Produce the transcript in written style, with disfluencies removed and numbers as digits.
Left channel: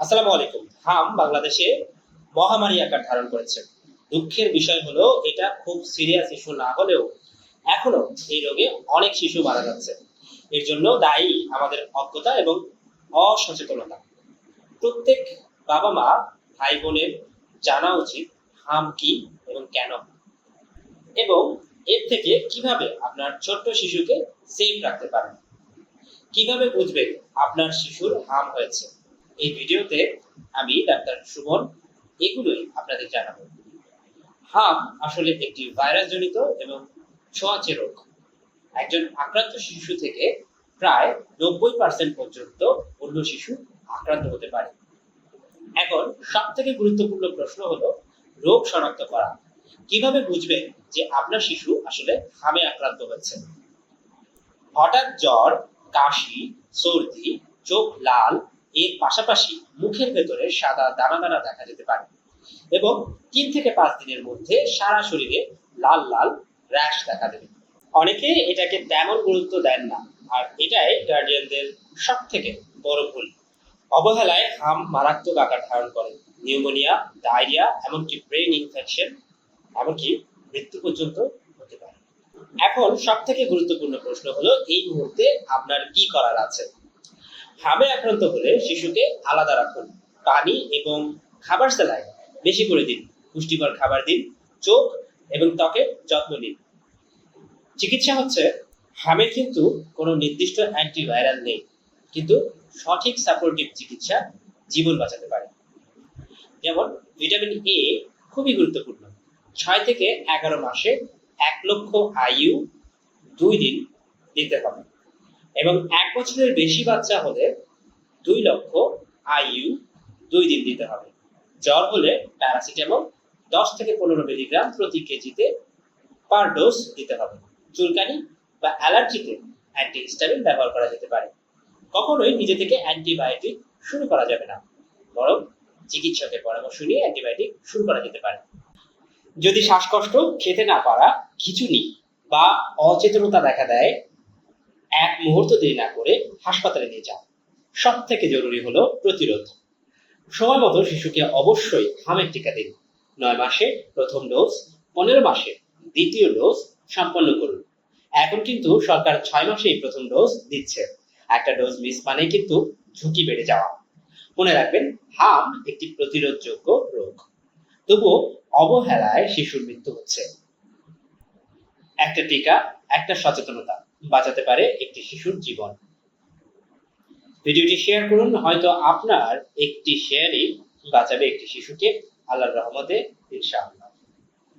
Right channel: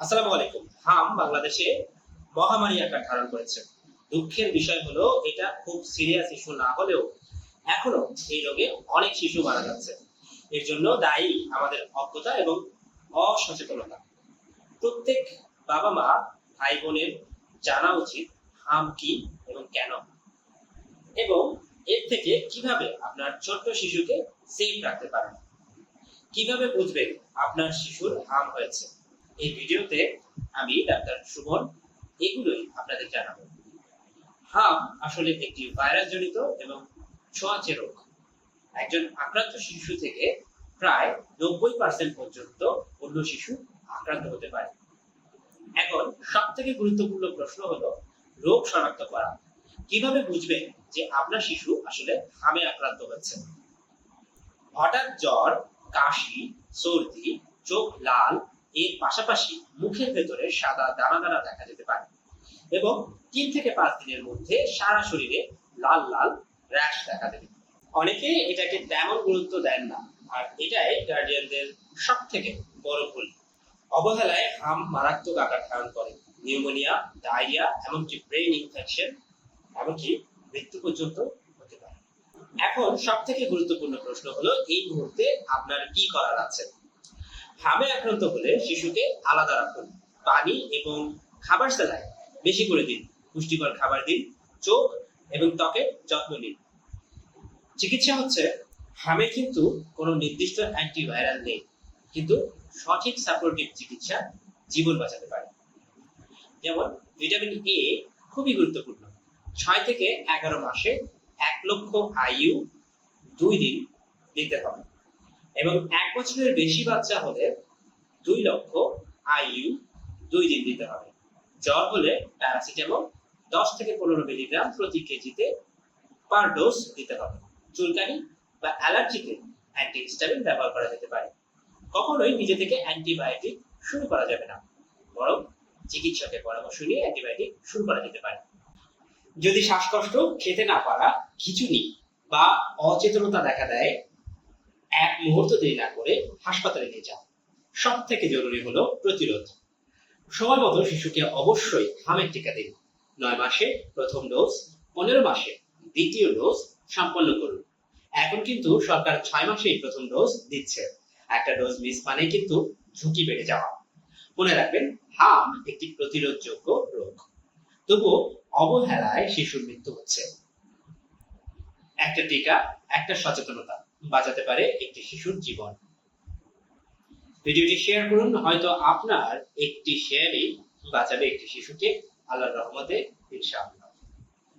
আসসালামু আলাইকুম। হাম বাংলাদেশে মহামারী আকার ধারণ করেছে। দুঃখের বিষয় হলো এটা খুব সিরিয়াস ইস্যু না হলেও এখনো এই রোগে অনেক শিশু মারা যাচ্ছে। এর জন্য দায়ী আমাদের অজ্ঞতা এবং অসচেতনতা। প্রত্যেক বাবা মা ভাই বোনের জানা উচিত হাম কি এবং কেন, এবং এর থেকে কিভাবে আপনার ছোট্ট শিশুকে সেফ রাখতে পারেন। কিভাবে বুঝবেন আপনার শিশুর হাম হয়েছে? এই ভিডিওতে আমি ডাক্তার সুমন এগুলোই আপনাদের জানাবো। হাম আসলে একটি ভাইরাস জনিত এবং ছোঁয়াচে রোগ। একজন আক্রান্ত শিশু থেকে প্রায় 90% পর্যন্ত অন্য শিশু আক্রান্ত হতে পারে। এখন সব থেকে গুরুত্বপূর্ণ প্রশ্ন হলো রোগ শনাক্ত করা। কিভাবে বুঝবেন যে আপনার শিশু আসলে হামে আক্রান্ত হয়েছে? হঠাৎ জ্বর, কাশি, সর্দি, চোখ লাল, এর পাশাপাশি মুখের ভেতরে সাদা দানা দানা দেখা যেতে পারে এবং 3 থেকে 5 দিনের মধ্যে সারা শরীরে লাল লাল র্যাশ দেখা দেবে। অনেকে এটাকে তেমন গুরুত্ব দেন না, আর এটাই গার্ডিয়ানদের সব থেকে বড় ভুল। অবহেলায় হাম মারাত্মক আকার ধারণ করে। নিউমোনিয়া, ডায়রিয়া, এমনকি ব্রেন ইনফেকশন, এমনকি মৃত্যু পর্যন্ত হতে পারে। এখন সব থেকে গুরুত্বপূর্ণ প্রশ্ন হলো এই মুহূর্তে আপনার কি করার আছে। হামে আক্রান্ত হলে শিশুকে আলাদা রাখুন। পানি এবং খাবার সেলাই বেশি করে দিন। পুষ্টিকর খাবার দিন। চোখ এবং ত্বকের যত্ন নিন। চিকিৎসা হচ্ছে, হামের কিন্তু কোনো নির্দিষ্ট অ্যান্টিভাইরাল নেই, কিন্তু সঠিক সাপোর্টিভ চিকিৎসা জীবন বাঁচাতে পারে। যেমন ভিটামিন এ খুবই গুরুত্বপূর্ণ। 6 থেকে 11 মাসে 1 লক্ষ আইইউ 2 দিন দিতে হবে, এবং 1 বছরের বেশি বাচ্চা হলে 2 লক্ষ আইইউ 2 দিন দিতে হবে। জ্বর হলে প্যারাসিটামল 10 থেকে 15 মিলিগ্রাম প্রতি কেজিতে পার ডোজ দিতে হবে। চুলকানি বা অ্যালার্জিতে অ্যান্টিহিস্টামিন ব্যবহার করা যেতে পারে। কখনোই নিজে থেকে অ্যান্টিবায়োটিক শুরু করা যাবে না, বরং চিকিৎসকের পরামর্শ নিয়ে অ্যান্টিবায়োটিক শুরু করা যেতে পারে। যদি শ্বাসকষ্ট, খেতে না পারা, খিঁচুনি বা অচেতনতা দেখা দেয়, 1 মুহূর্ত দেরি না করে হাসপাতালে নিয়ে যান। সব থেকে জরুরি হলো প্রতিরোধ। সময় মতো শিশুকে অবশ্যই হামের টিকা দিন। 9 মাসে প্রথম ডোজ, 15 মাসে দ্বিতীয় ডোজ সম্পন্ন করুন। এখন কিন্তু সরকার 6 মাসেই প্রথম ডোজ দিচ্ছে। একটা ডোজ মিস মানে কিন্তু ঝুঁকি বেড়ে যাওয়া। মনে রাখবেন, হাম একটি প্রতিরোধযোগ্য রোগ, তবুও অবহেলায় শিশুর মৃত্যু হচ্ছে। একটা টিকা, একটা সচেতনতা বাঁচাতে পারে একটি শিশুর জীবন। ভিডিওটি শেয়ার করুন, হয়তো আপনার একটি শেয়ারই বাঁচাবে একটি শিশুকে, আল্লাহর রহমতে ইনশাআল্লাহ।